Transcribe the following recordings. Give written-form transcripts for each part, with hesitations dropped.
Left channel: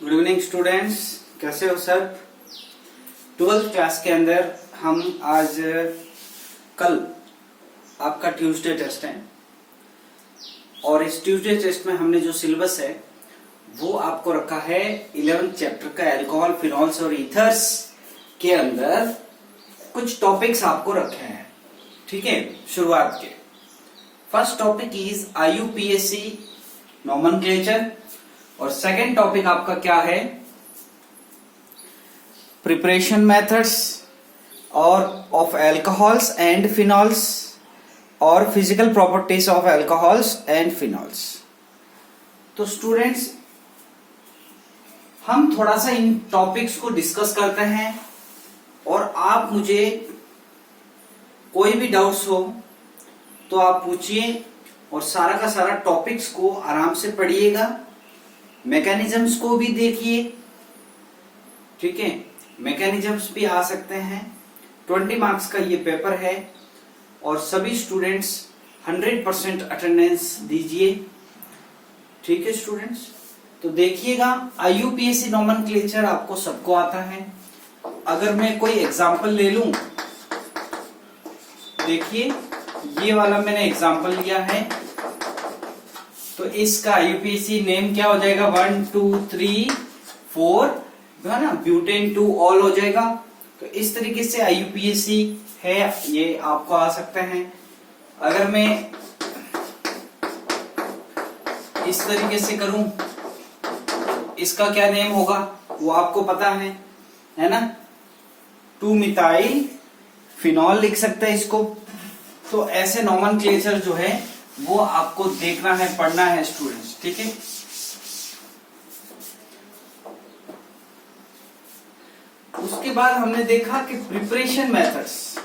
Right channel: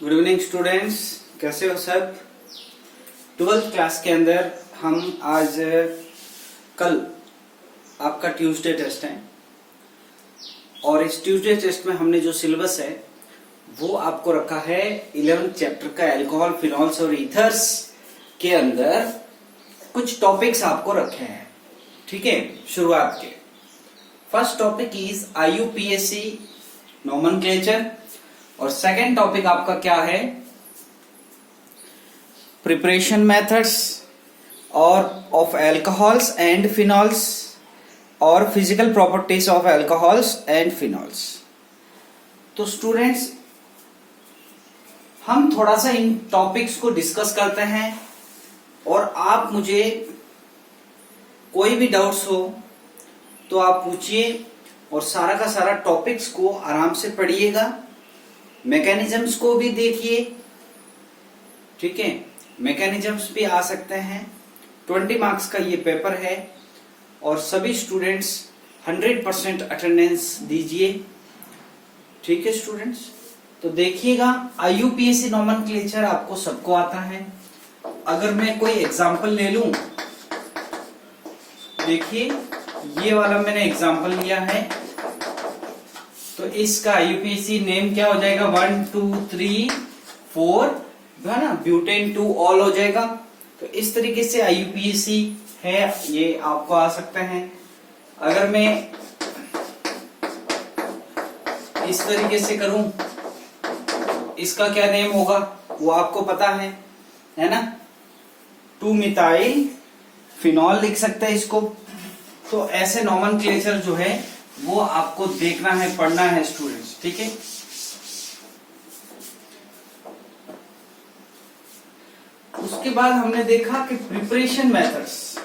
Good evening students, कैसे हो सब। 12th क्लास के अंदर हम आज कल आपका ट्यूसडे टेस्ट है और इस ट्यूसडे टेस्ट में हमने जो सिलेबस है वो आपको रखा है 11th चैप्टर का अल्कोहल, फिनॉल्स और ईथर्स के अंदर कुछ टॉपिक्स आपको रखे हैं। ठीक है, शुरुआत के first topic is IUPAC nomenclature और सेकंड टॉपिक आपका क्या है, प्रिपरेशन मेथड्स और ऑफ अल्कोहल्स एंड फिनॉल्स और physical properties of alcohols and phenols. तो स्टूडेंट्स, हम थोड़ा सा इन टॉपिक्स को डिस्कस करते हैं और आप मुझे कोई भी डाउट्स हो तो आप पूछिए और सारा का सारा टॉपिक्स को आराम से पढ़िएगा, मैकेनिज्म्स को भी देखिए। ठीक है, मैकेनिज्म्स भी आ सकते हैं। 20 मार्क्स का ये पेपर है और सभी स्टूडेंट्स 100% अटेंडेंस दीजिए। ठीक है स्टूडेंट्स, तो देखिएगा IUPAC नोमेनक्लेचर आपको सबको आता है। अगर मैं कोई एग्जांपल ले लूं, देखिए ये वाला मैंने एग्जांपल लिया है, तो इसका IUPAC नेम क्या हो जाएगा, 1 2 3 4 है ना, ब्यूटेन 2 ऑल हो जाएगा। तो इस तरीके से IUPAC है, ये आपको आ सकता है। अगर मैं इस तरीके से करूं, इसका क्या नेम होगा वो आपको पता है ना, 2 मिथाइल फिनॉल लिख सकते हैं इसको। तो ऐसे नोमेनक्लेचर जो है वो आपको देखना है, पढ़ना है स्टूडेंट्स। ठीक है, उसके बाद हमने देखा कि preparation methods,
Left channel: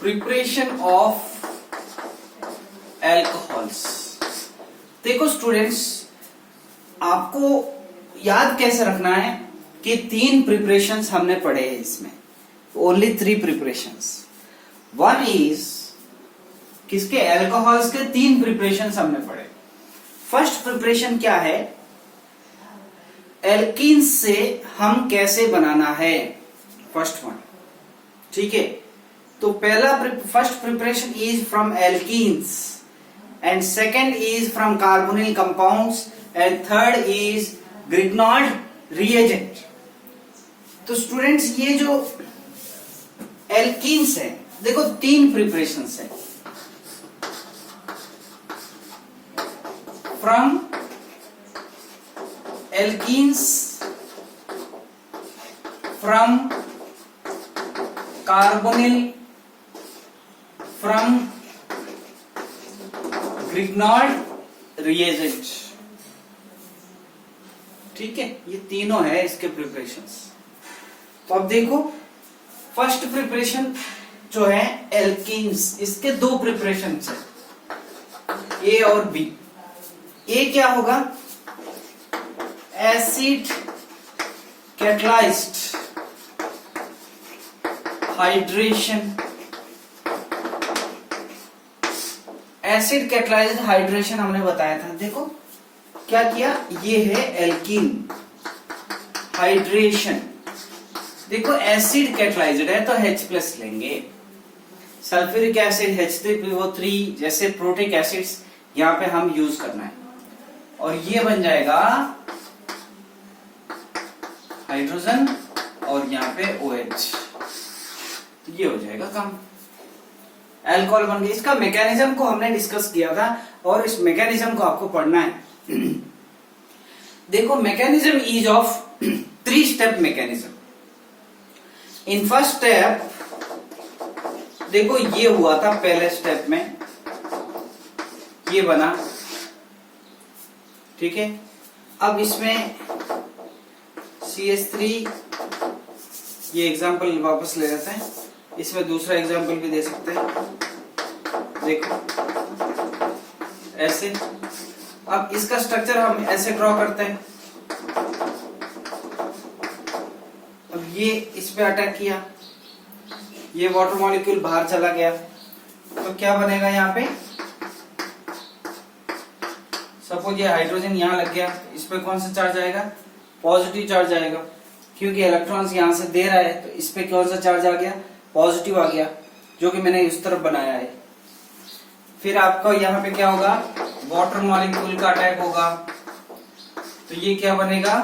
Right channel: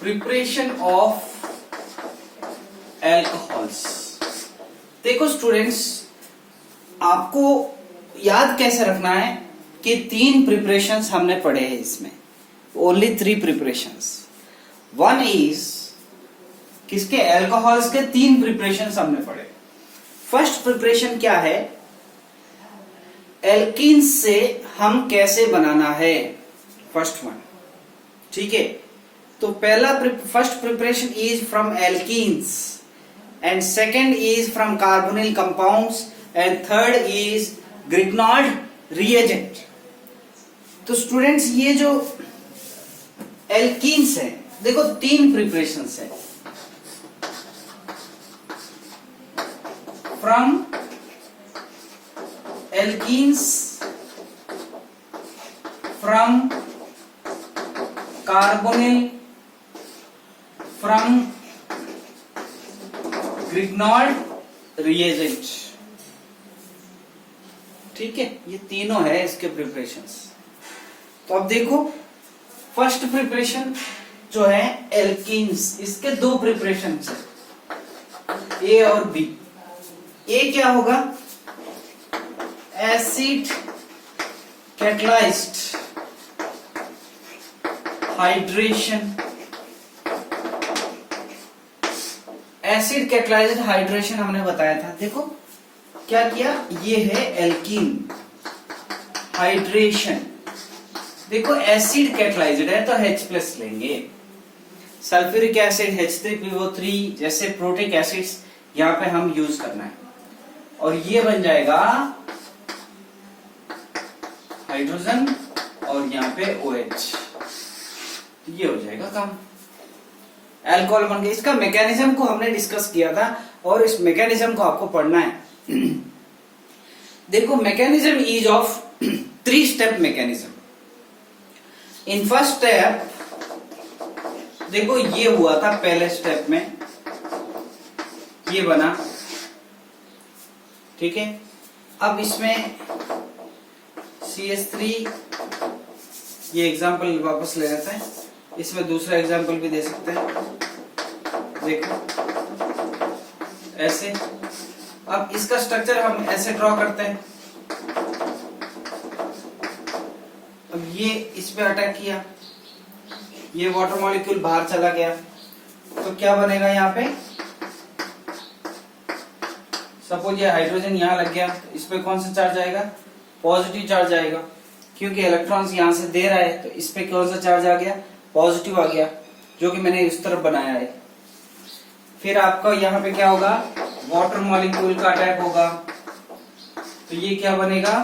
preparation of alcohols. देखो स्टूडेंट्स, आपको याद कैसे रखना है कि 3 प्रिपरेशंस हमने पढ़े हैं इसमें, ओनली 3 प्रिपरेशंस। वन इज किसके, अल्कोहल्स के 3 प्रिपरेशंस हमने पढ़े। फर्स्ट प्रिपरेशन क्या है, एल्कीन से हम कैसे बनाना है, फर्स्ट वन। ठीक है, तो पहला first preparation is from alkenes and second is from carbonyl compounds and third is Grignard reagent. तो स्टूडेंट्स, ये जो एल्कीन्स है, देखो 3 प्रिपरेशंस है, from alkenes, from carbonyl, from Grignard reagent. ठीक है, ये तीनों है इसके प्रिपरेशंस। तो अब देखो, फर्स्ट प्रिपरेशन जो है एल्कीन्स, इसके 2 प्रिपरेशन है, ए और बी। ए क्या होगा, acid catalysed hydration. Acid catalysed hydration हमने बताया था। देखो क्या किया, ये है एल्कीन हाइड्रेशन। देखो एसिड कैटलाइज्ड है तो H+ लेंगे, सल्फ्यूरिक एसिड H3PO3 जैसे प्रोटिक एसिड्स यहाँ पे हम यूज करना है, और ये बन जाएगा हाइड्रोजन और यहाँ पे OH, तो ये हो जाएगा कम, अल्कोहल बन गया। इसका मैकेनिज्म को हमने डिस्कस किया था और इस मैकेनिज्म को आपको पढ़ना है। देखो mechanism is of 3 step mechanism. In first step देखो ये हुआ था, पहले स्टेप में ये बना। ठीक है, अब इसमें CH3, ये एग्जांपल वापस ले लेते हैं, इसमें दूसरा एग्जांपल भी दे सकते हैं। देखो ऐसे, अब इसका स्ट्रक्चर हम ऐसे ड्रॉ करते हैं। अब ये इस पे अटैक किया, ये वाटर मॉलिक्यूल बाहर चला गया, तो क्या बनेगा यहाँ पे, सपोज ये हाइड्रोजन यहाँ लग गया, इस पे कौन सा चार्ज आएगा? पॉजिटिव चार्ज आएगा, क्योंकि इलेक्ट्रॉन्स यहाँ से दे रहा है, तो इस पे कौन सा चार्ज आ गया? पॉजिटिव आ गया, जो कि मैंने इस तरफ बनाया है। फिर आपका यहाँ पे क्या होगा? वाटर मॉलिक्यूल का अटैक होगा, तो ये क्या बनेगा?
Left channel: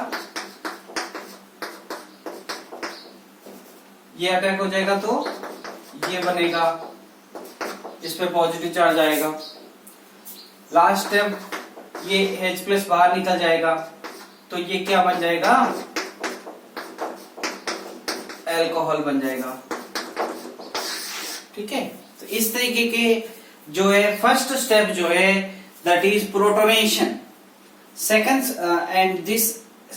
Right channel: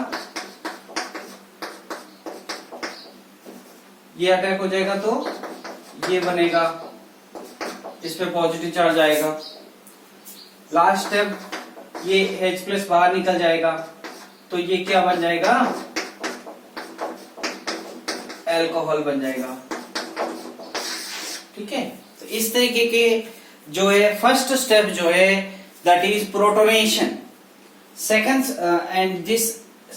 ये अटैक हो जाएगा तो ये बनेगा, इस पे पॉजिटिव चार्ज आएगा। लास्ट स्टेप, ये H+ बाहर निकल जाएगा, तो ये क्या बन जाएगा? अल्कोहल बन जाएगा। ठीक है, तो इस तरीके के जो है फर्स्ट स्टेप जो है that is protonation. Second and this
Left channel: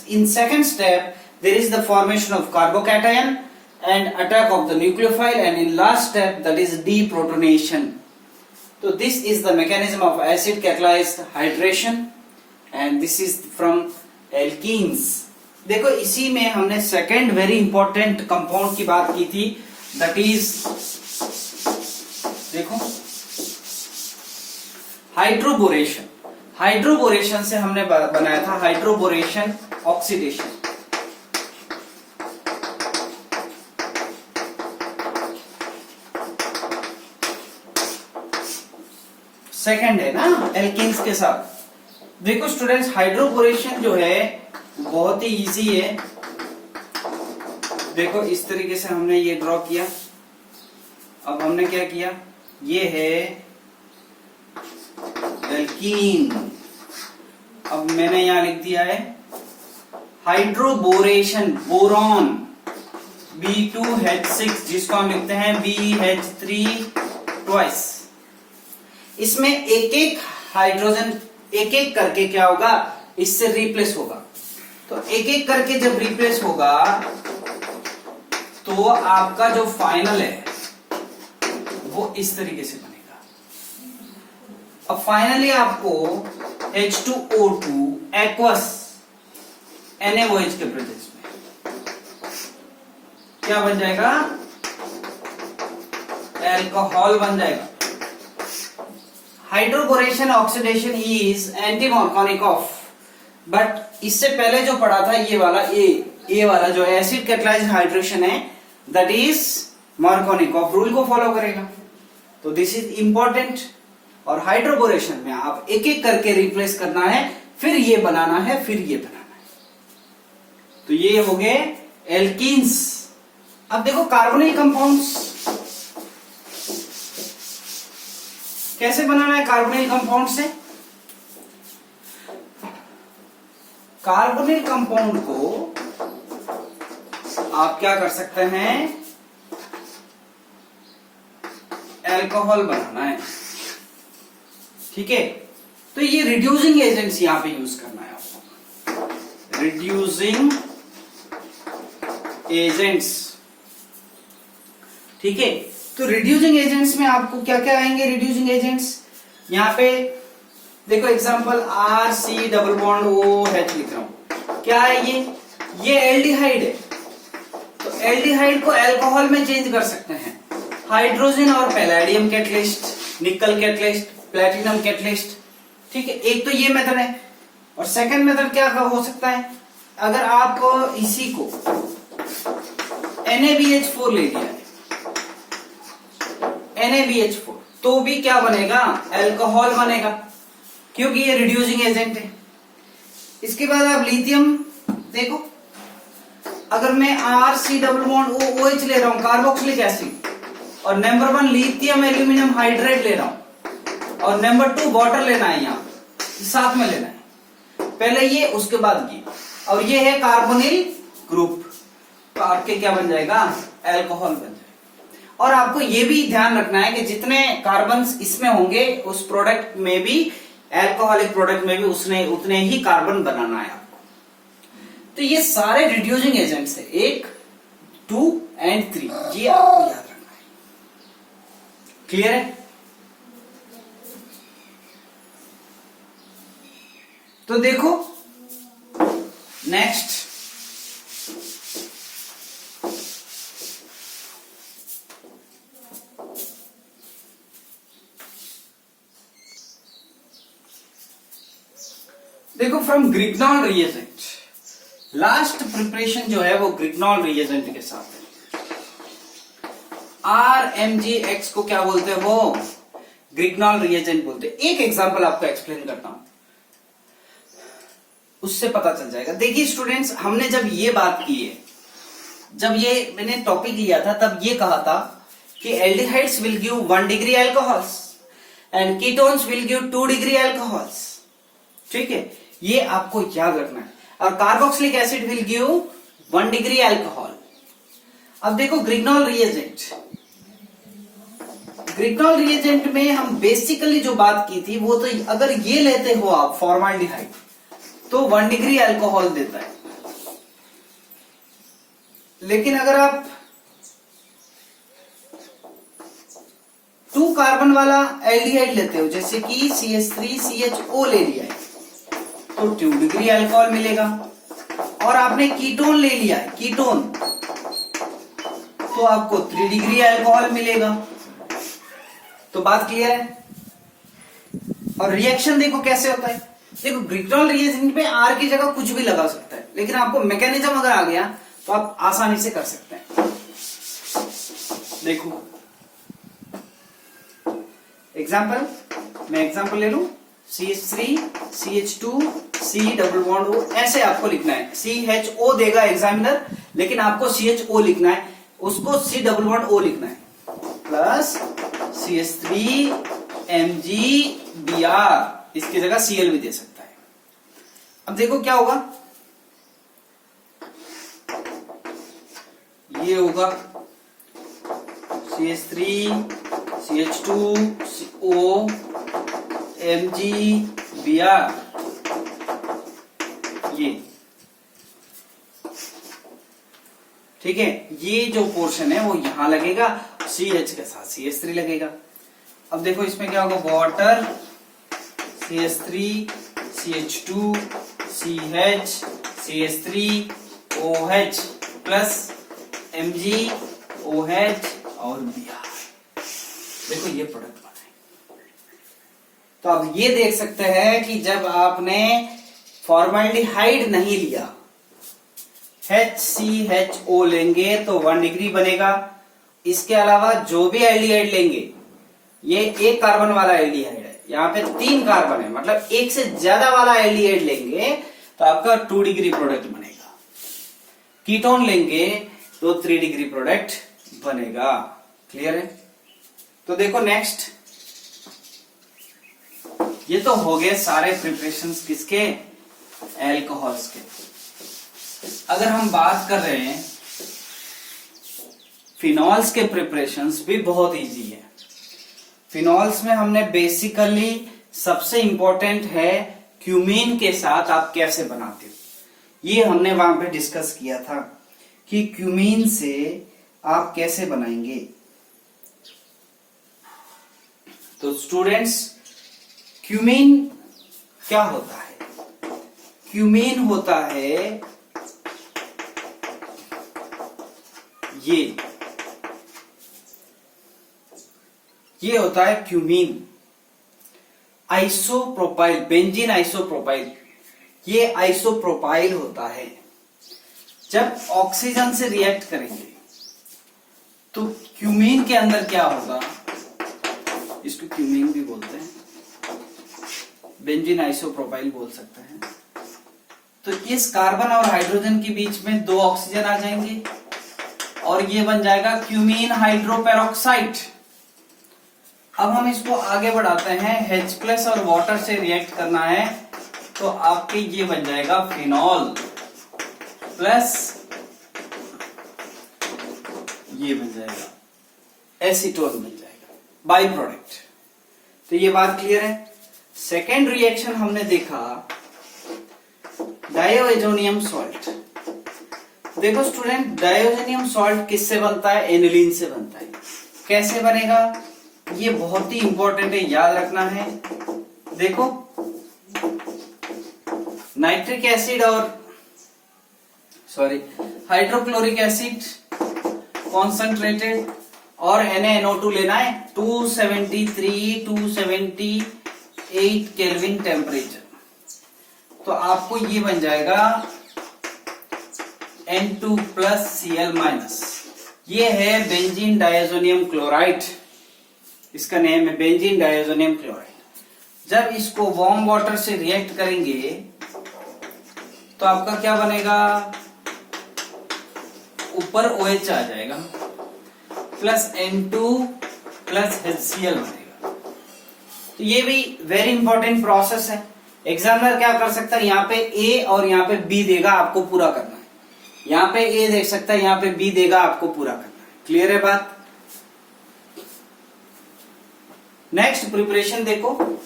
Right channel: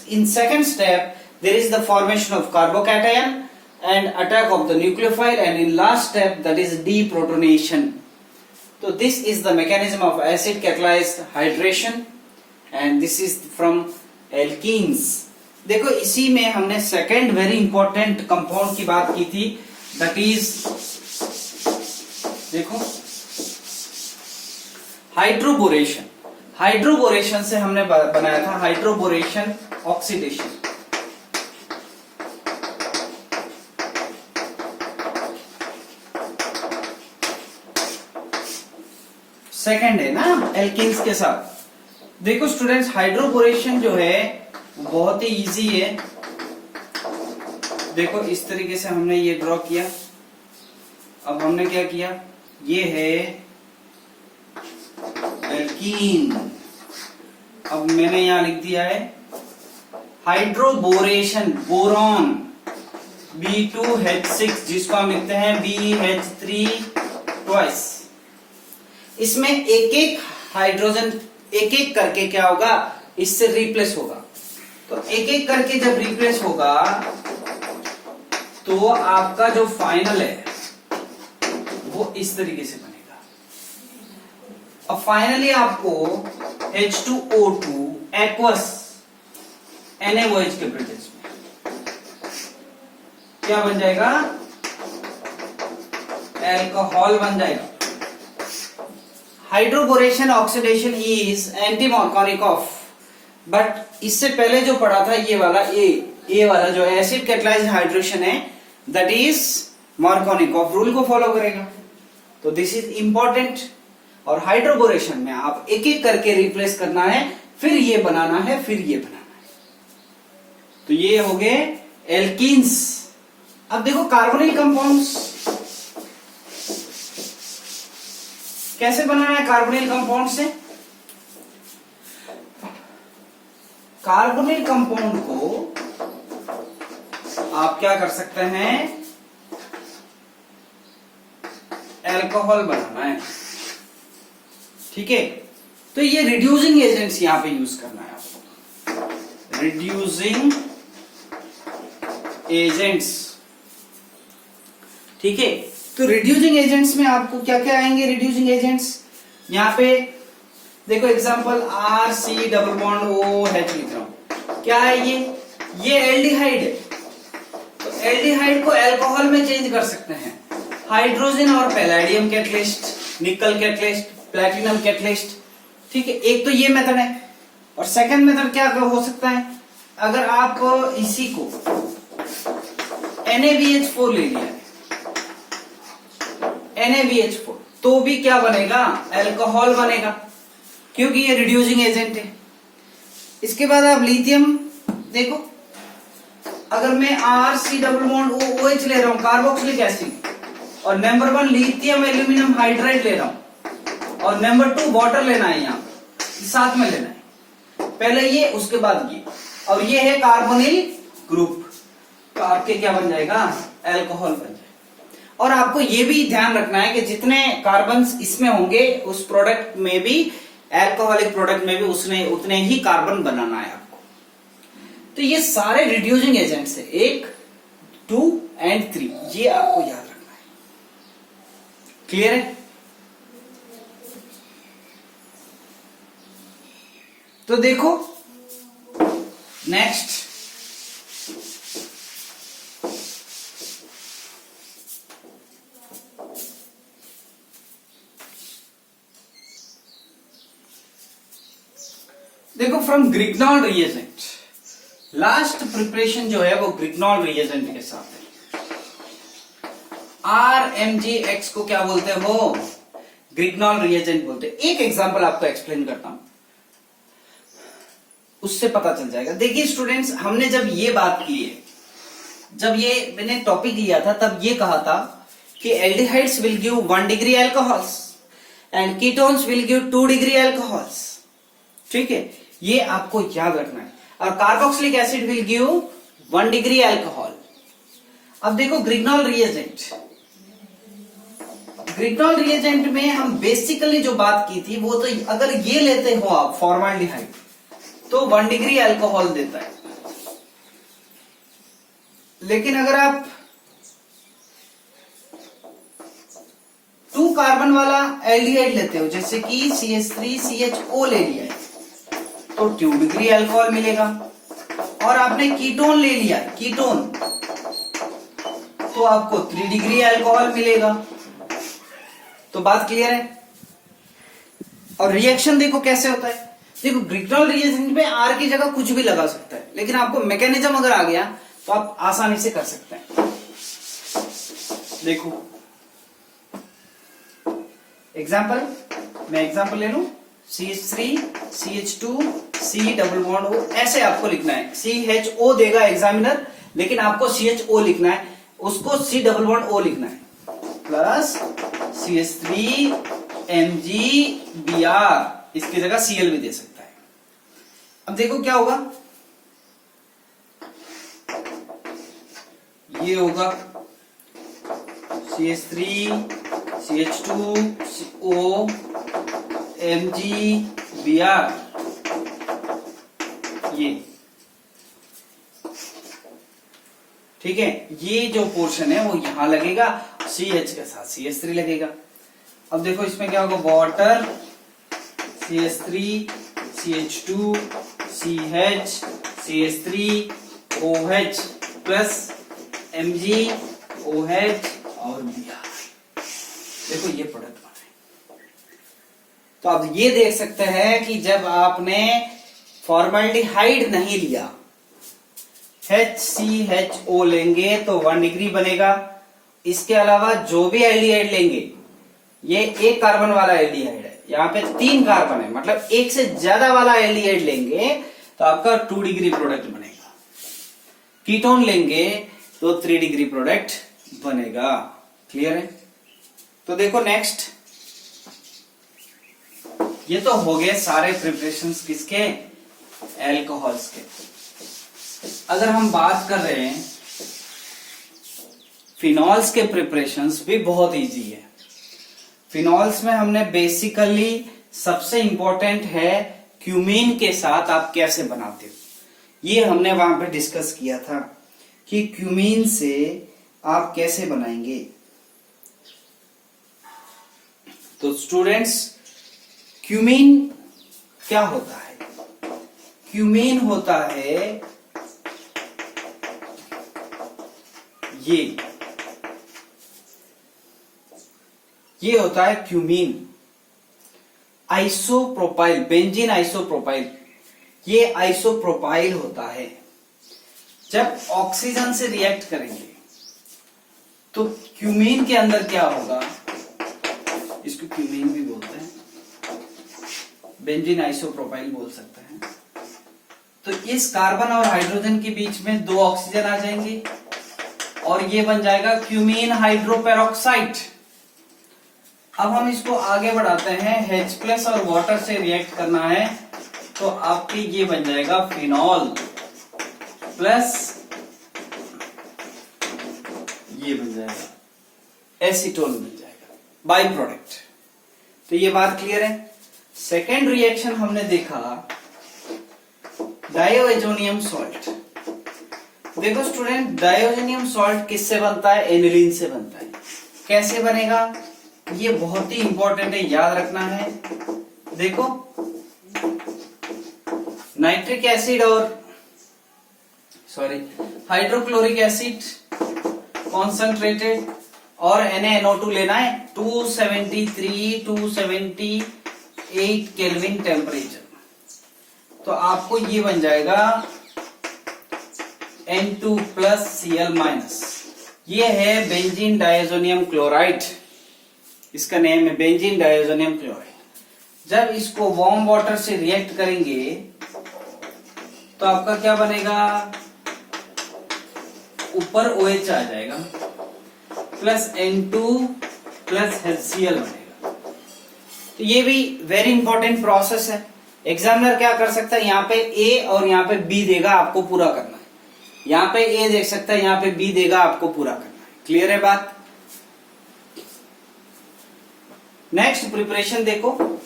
in second step there is the formation of carbocation and attack of the nucleophile, and in last step that is deprotonation. So this is the mechanism of acid catalyzed hydration and this is from alkenes. देखो इसी में हमने second very important compound की बात की थी, that is देखो hydroboration. Hydroboration से हमने बनाया था हाइड्रोबोरेशन ऑक्सीडेशन। सेकंड है ना एल्किन्स के साथ। देखो स्टूडेंट्स, हाइड्रोबोरेशन जो है बहुत ही इजी है। देखो इस तरीके से हमने ये ड्रॉ किया। अब हमने क्या किया, ये है एल्कीन। अब मैंने यहां लिख दिया है हाइड्रोबोरेशन, बोरॉन B2H6, जिसको हम लिखते हैं BH3 ट्वाइस। इसमें एक एक हाइड्रोजन एक एक करके क्या होगा, इससे रिप्लेस होगा। तो एक एक करके जब रिप्लेस होगा तो आपका जो फाइनल है वो इस तरीके से बनेगा। अब फाइनली आपको H2O2 एक्वस NaOH के प्रेजेंस में क्या बन जाएगा? अल्कोहल बन जाएगा। Hydroboration oxidation is anti-Markovnikov of, but इससे पहले जो पढ़ा था ये वाला ए वाला जो एसिड कैटलाइज्ड हाइड्रेशन है दैट इज मार्कोनिक ऑफ, रूल को फॉलो करेगा। तो दिस इज इंपॉर्टेंट। और हाइड्रोबोरेशन में आप एक एक करके रिप्लेस करना है, फिर ये बनाना है, फिर ये बनाना है। तो ये हो गए एल्कीन्स। अब देखो कार्बोनिल कंपाउंड्स कैसे बनाना है। कार्बोनिल कंपाउंड से कार्बोनिल कंपाउंड को आप क्या कर सकते हैं, अल्कोहल बनाना है। ठीक है, तो ये रिड्यूसिंग एजेंट्स यहां पे यूज करना है आपको, रिड्यूसिंग एजेंट्स। ठीक है, तो रिड्यूसिंग एजेंट्स में आपको क्या क्या आएंगे? रिड्यूसिंग एजेंट्स यहाँ पे देखो example RC double bond OH लिख रहा हूं। क्या है ये एल्डिहाइड है। तो एल्डिहाइड को अल्कोहल में चेंज कर सकते हैं। हाइड्रोजन और पैलेडियम कैटलिस्ट, निकल कैटलिस्ट, प्लेटिनम कैटलिस्ट। ठीक है, एक तो ये मेथड है। और सेकंड मेथड क्या हो सकता है, अगर आप इसी को NaBH4 ले लिया है, NaBH4, तो भी क्या बनेगा? अल्कोहल बनेगा, क्योंकि ये रिड्यूसिंग एजेंट है। इसके बाद आप लिथियम देखो, अगर मैं RC डबल बॉन्ड OH ले रहा हूं, कार्बोक्सिलिक एसिड, और नंबर 1 लिथियम एल्यूमिनियम हाइड्राइड ले रहा हूं, और नंबर 2 वाटर लेना है, यहां साथ में लेना है। पहले ये, उसके बाद ये, और ये है कार्बोनिल ग्रुप, तो आपके क्या बन जाएगा? अल्कोहल बन जाएगा। और आपको ये भी ध्यान रखना है कि जितने कार्बन्स इसमें होंगे उस प्रोडक्ट में भी, अल्कोहलिक प्रोडक्ट में भी उतने ही कार्बन बनाना है आपको। तो ये सारे रिड्यूसिंग एजेंट्स है, 1, 2 एंड 3, ये आपको याद रखना है। क्लियर है? तो देखो नेक्स्ट, देखो फ्रॉम ग्रिग्नॉल रिएजेंट, लास्ट प्रिपरेशन जो है वो ग्रिग्नॉल रिएजेंट के साथ है। RMgX को क्या बोलते हैं, वो ग्रिग्नॉल रिएजेंट बोलते हैं। एक एग्जांपल आपको एक्सप्लेन करता हूं, उससे पता चल जाएगा। देखिए स्टूडेंट्स, हमने जब ये बात की है, जब ये मैंने टॉपिक लिया था, तब ये कहा था कि aldehydes will give 1 degree alcohols and ketones will give 2 degree alcohols. ठीक है, ये आपको याद रखना है। और carboxylic acid will give 1 degree alcohol. अब देखो ग्रिग्नॉल रिएजेंट, ग्रिग्नॉल रिएजेंट में हम बेसिकली जो बात की थी वो तो, अगर ये लेते हो आप फॉर्माल्डिहाइड तो 1 डिग्री अल्कोहल देता है। लेकिन अगर आप 2 कार्बन वाला एल्डिहाइड लेते हो, जैसे कि CH3CHO ले लिया है, तो 2 डिग्री अल्कोहल मिलेगा। और आपने कीटोन ले लिया, कीटोन, तो आपको 3 डिग्री अल्कोहल मिलेगा। तो बात क्लियर है। और रिएक्शन देखो कैसे होता है। देखो ग्रिग्नॉल रिएजेंट में R की जगह कुछ भी लगा सकता है, लेकिन आपको मैकेनिज्म अगर आ गया तो आप आसानी से कर सकते हैं। देखो एग्जाम्पल, मैं एग्जाम्पल ले लूं, CH3 CH2 C double bond O, ऐसे आपको लिखना है। CHO देगा एग्जामिनर, लेकिन आपको CHO लिखना है, उसको C डबल बॉन्ड O लिखना है, प्लस CH3 MgBr, इसकी जगह Cl भी दे सकता है। अब देखो क्या होगा, ये होगा CH3 CH2 CO MgBr, ये ठीक है। ये जो पोर्शन है वो यहां लगेगा, CH के साथ CH3 लगेगा। अब देखो इसमें क्या होगा, water CH3 CH2 CH CH3 OH plus MgOH और Br। देखो ये प्रोडक्ट बना है। तो अब ये देख सकते हैं कि जब आपने फॉर्मल्डिहाइड नहीं लिया, HCHO लेंगे तो 1 डिग्री बनेगा। इसके अलावा जो भी एल्डिहाइड लेंगे, ये 1 कार्बन वाला एल्डिहाइड है, यहाँ पे 3 कार्बन है, मतलब 1 से ज्यादा वाला एल्डिहाइड लेंगे तो आपका 2 डिग्री प्रोडक्ट बनेगा। कीटोन लेंगे तो 3 डिग्री प्रोडक्ट बनेगा। क्लियर है। तो देखो नेक्स्ट, ये तो हो गए सारे प्रिपरेशंस किसके, एल्कोहल्स के। अगर हम बात कर रहे हैं फिनॉल्स के, प्रिपरेशंस भी बहुत इजी है। फिनॉल्स में हमने बेसिकली सबसे इंपॉर्टेंट है क्यूमीन के साथ आप कैसे बनाते हो, ये हमने वहां पे डिस्कस किया था कि क्यूमीन से आप कैसे बनाएंगे। तो स्टूडेंट्स, क्यूमीन क्या होता है, क्यूमीन होता है ये होता है क्यूमीन, आइसोप्रोपाइल, बेंजीन आइसोप्रोपाइल, ये आइसोप्रोपाइल होता है। जब ऑक्सीजन से रिएक्ट करेंगे तो क्यूमीन के अंदर क्या होगा, इसको क्यूमीन भी बोलते हैं, बेंजीन आइसोप्रोपाइल बोल सकते हैं। तो इस कार्बन और हाइड्रोजन के बीच में 2 ऑक्सीजन आ जाएंगे और ये बन जाएगा क्यूमीन हाइड्रोपेरोक्साइड। अब हम इसको आगे बढ़ाते हैं, H+ और वाटर से रिएक्ट करना है तो आपकी ये बन जाएगा फिनॉल प्लस ये बन जाएगा एसीटोन, बन जाएगा बाई प्रोडक्ट। तो ये बात क्लियर है। सेकेंड रिएक्शन हमने देखा डायोजोनियम सॉल्ट। देखो स्टूडेंट, डायोजोनियम सॉल्ट किससे बनता है, एनिलीन से बनता है। कैसे बनेगा, ये बहुत ही इंपॉर्टेंट है, याद रखना है। देखो नाइट्रिक एसिड और हाइड्रोक्लोरिक एसिड कॉन्सेंट्रेटेड और NaNO2 लेना है 273 278 केल्विन टेम्परेचर। तो आपको ये बन जाएगा N2 प्लस Cl माइनस। ये है बेंजीन डायजोनियम क्लोराइड, इसका नेम है बेंजीन डायजोनियम क्लोराइड। जब इसको वार्म वाटर से रिएक्ट करेंगे तो आपका क्या बनेगा, ऊपर OH आ जाएगा प्लस N2 प्लस HCl बनेगा। तो ये भी वेरी इंपॉर्टेंट प्रोसेस है। एग्जामिनर क्या कर सकता है, यहाँ पे A और यहाँ पे B देगा, आपको पूरा करना है। यहाँ पे A देख सकता है, यहाँ पे B देगा, आपको पूरा करना है। क्लियर है बात। नेक्स्ट प्रिपरेशन देखो,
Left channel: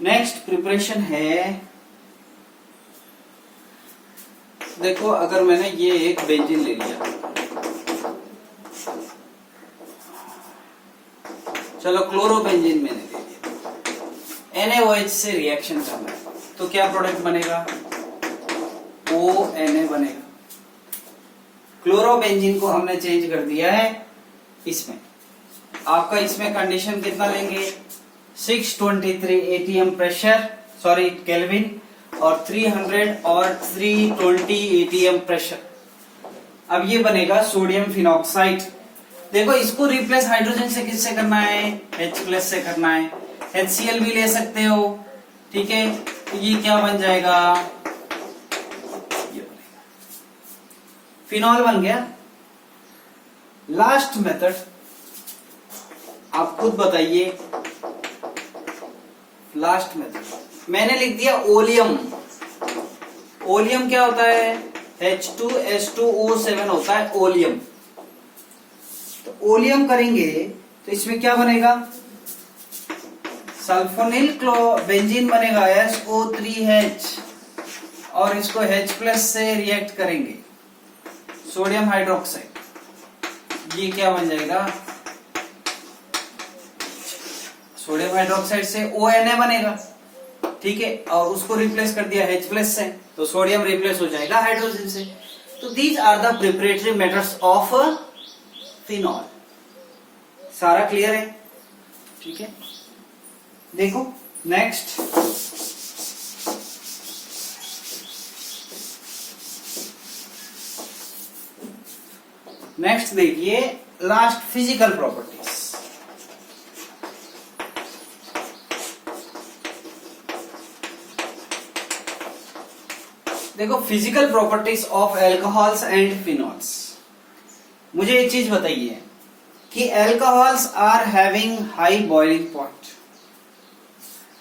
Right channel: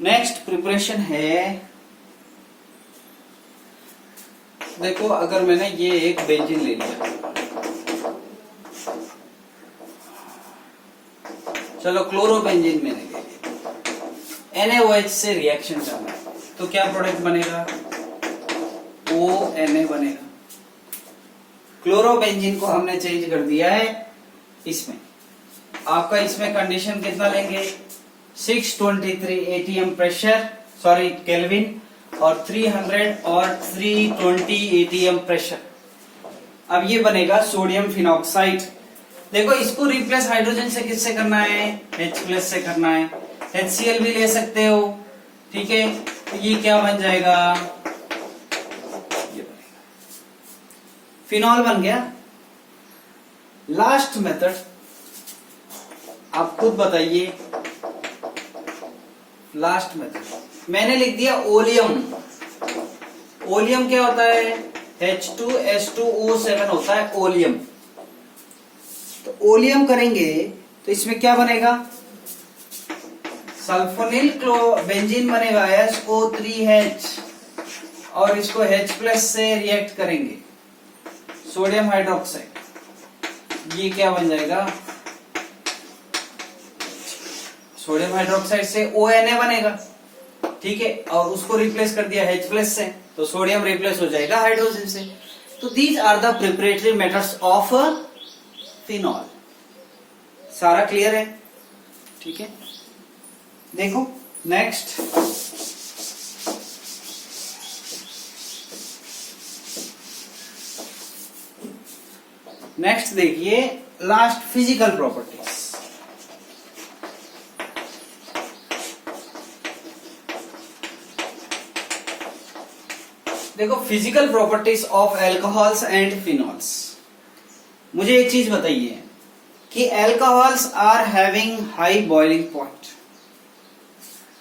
नेक्स्ट प्रिपरेशन है, देखो अगर मैंने ये एक बेंजीन ले लिया, चलो क्लोरोबेंजीन मैंने ले लिया, NaOH से रिएक्शन करना है तो क्या प्रोडक्ट बनेगा, ONA बनेगा। क्लोरोबेंजीन को हमने चेंज कर दिया है इसमें, आपका इसमें कंडीशन कितना लेंगे, 623 ATM प्रेशर, सॉरी केल्विन, और 300 और 320 ATM प्रेशर। अब ये बनेगा सोडियम फिनॉक्साइड। देखो इसको रिप्लेस हाइड्रोजन से किससे करना है, H प्लस से करना है। HCl भी ले सकते हो, ठीक है। तो ये क्या बन जाएगा, ये बनेगा फिनॉल बन गया। लास्ट मेथड आप खुद बताइए, लास्ट मेथड मैंने लिख दिया ओलियम। ओलियम क्या होता है, H2S2O7 होता है ओलियम। तो ओलियम करेंगे तो इसमें क्या बनेगा, सल्फोनिल बेंजीन बनेगा SO3H, और इसको H प्लस से रिएक्ट करेंगे, सोडियम हाइड्रोक्साइड। ये क्या बन जाएगा, सोडियम हाइड्रोक्साइड से ONA बनेगा, ठीक है। और उसको रिप्लेस कर दिया H प्लस से, तो सोडियम रिप्लेस हो जाएगा हाइड्रोजन से। तो these are the preparatory methods of phenol. सारा क्लियर है, ठीक है। देखो नेक्स्ट, नेक्स्ट देखिए लास्ट, फिजिकल प्रॉपर्टीज। देखो physical properties of alcohols and phenols. मुझे एक चीज बताइए कि alcohols are having high boiling point.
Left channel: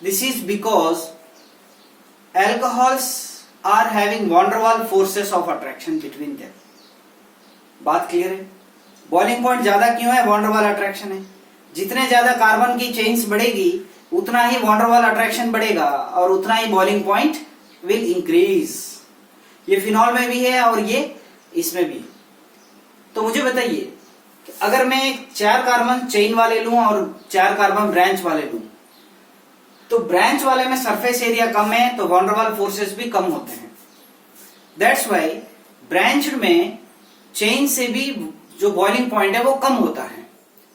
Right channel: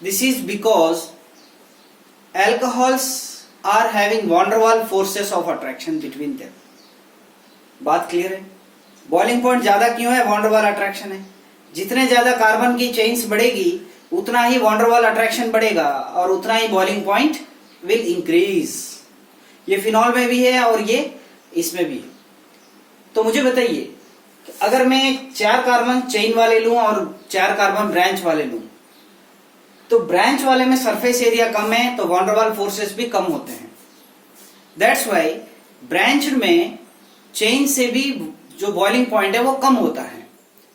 This is because alcohols are having van der Waals forces of attraction between them. बात clear है। Boiling point ज्यादा क्यों है, वैन डर वाल अट्रैक्शन है। जितने ज्यादा कार्बन की चेन्स बढ़ेगी उतना ही वैन डर वाल अट्रैक्शन बढ़ेगा और उतना ही बॉइलिंग पॉइंट विल इंक्रीज। ये फिनॉल में भी है और ये इसमें भी है। तो मुझे बताइए, अगर मैं 4 कार्बन चेन वाले लूं और 4 कार्बन ब्रांच वाले लूं, तो ब्रांच वाले में सरफेस एरिया कम है तो वैन डर वाल फोर्सेस भी कम होते हैं। दैट्स वाई ब्रांच में चेन से भी जो बॉइलिंग पॉइंट है वो कम होता है,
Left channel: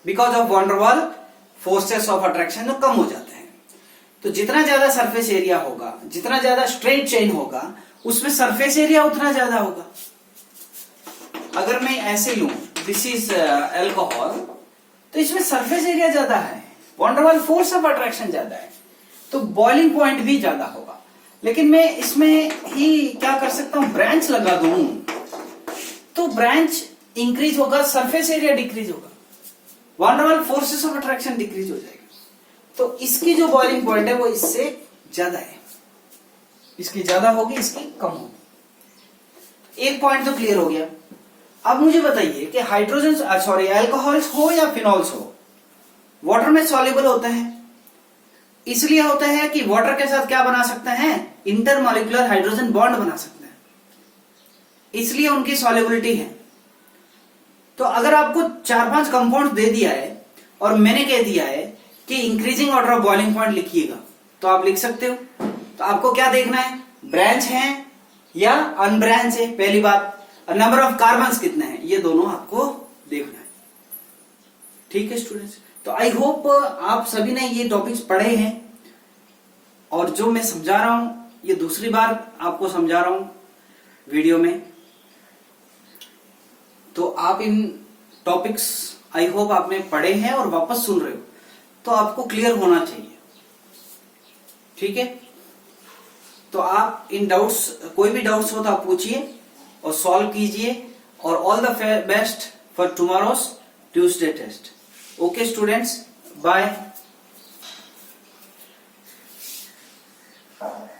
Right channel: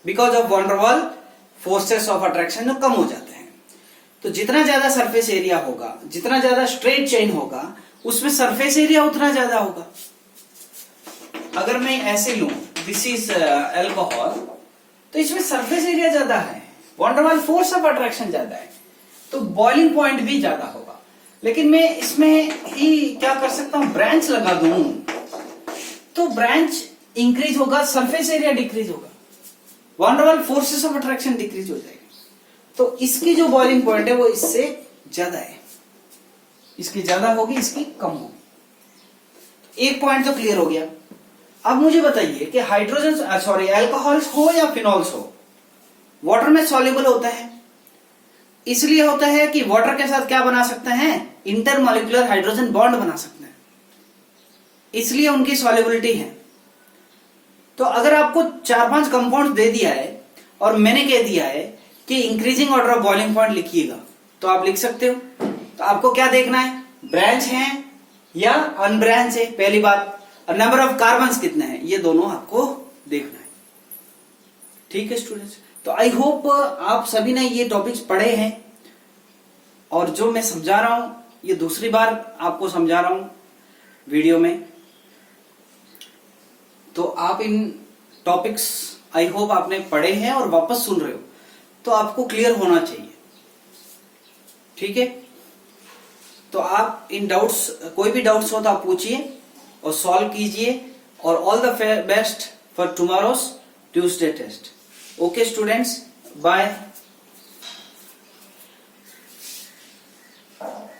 because of van der Waals forces of attraction कम हो जाते हैं। तो जितना ज्यादा सरफेस एरिया होगा, जितना ज्यादा स्ट्रेट चेन होगा, उसमें सरफेस एरिया उतना ज्यादा होगा। अगर मैं ऐसे लूं, दिस इज एल्कोहल, तो इसमें सरफेस एरिया ज्यादा है, वैन डर वाल फोर्स ऑफ अट्रैक्शन ज्यादा है, तो बॉइलिंग पॉइंट भी ज्यादा होगा। लेकिन मैं इसमें ही क्या कर सकता हूं, ब्रांच लगा दूं तो ब्रांच इंक्रीज होगा, सरफेस एरिया डिक्रीज होगा, van der Waals forces of attraction decrease हो जाएगा। तो इसकी जो बॉइलिंग पॉइंट है वो इससे ज्यादा है, इसकी ज्यादा होगी, इसकी कम होगी। एक पॉइंट तो क्लियर हो गया। अब मुझे बताइए कि हाइड्रोजन सॉरी एल्कोहल्स हो या फिनॉल्स हो, वाटर में सॉल्युबल होता है। इसलिए होता है कि वाटर के साथ क्या बना सकते हैं, इंटरमॉलिक्यूलर हाइड्रोजन बॉन्ड बना सकते हैं, इसलिए उनकी सॉल्युबिलिटी है। तो अगर आपको 4-5 कंपाउंड दे दिया है और मैंने कह दिया है कि increasing order of boiling point लिखिएगा, तो आप लिख सकते हो। तो आपको क्या देखना है, ब्रांच है या अनब्रांच है, पहली बात, और नंबर ऑफ कार्बन्स कितने हैं, ये दोनों आपको देखना है, ठीक है स्टूडेंट्स, तो आई होप आप सभी ने ये टॉपिक्स पढ़े हैं और जो मैं समझा रहा हूं ये दूसरी बार आपको समझा रहा हूं वीडियो में। तो आप इन टॉपिक्स आई होप आपने पढ़े हैं और वापस सुन रहे हो, तो आपको क्लियर होना चाहिए। ठीक है, तो आप इन डाउट्स, कोई भी डाउट्स हो तो आप पूछिए और सॉल्व कीजिए। और all the best for tomorrow's Tuesday test. Okay students, bye.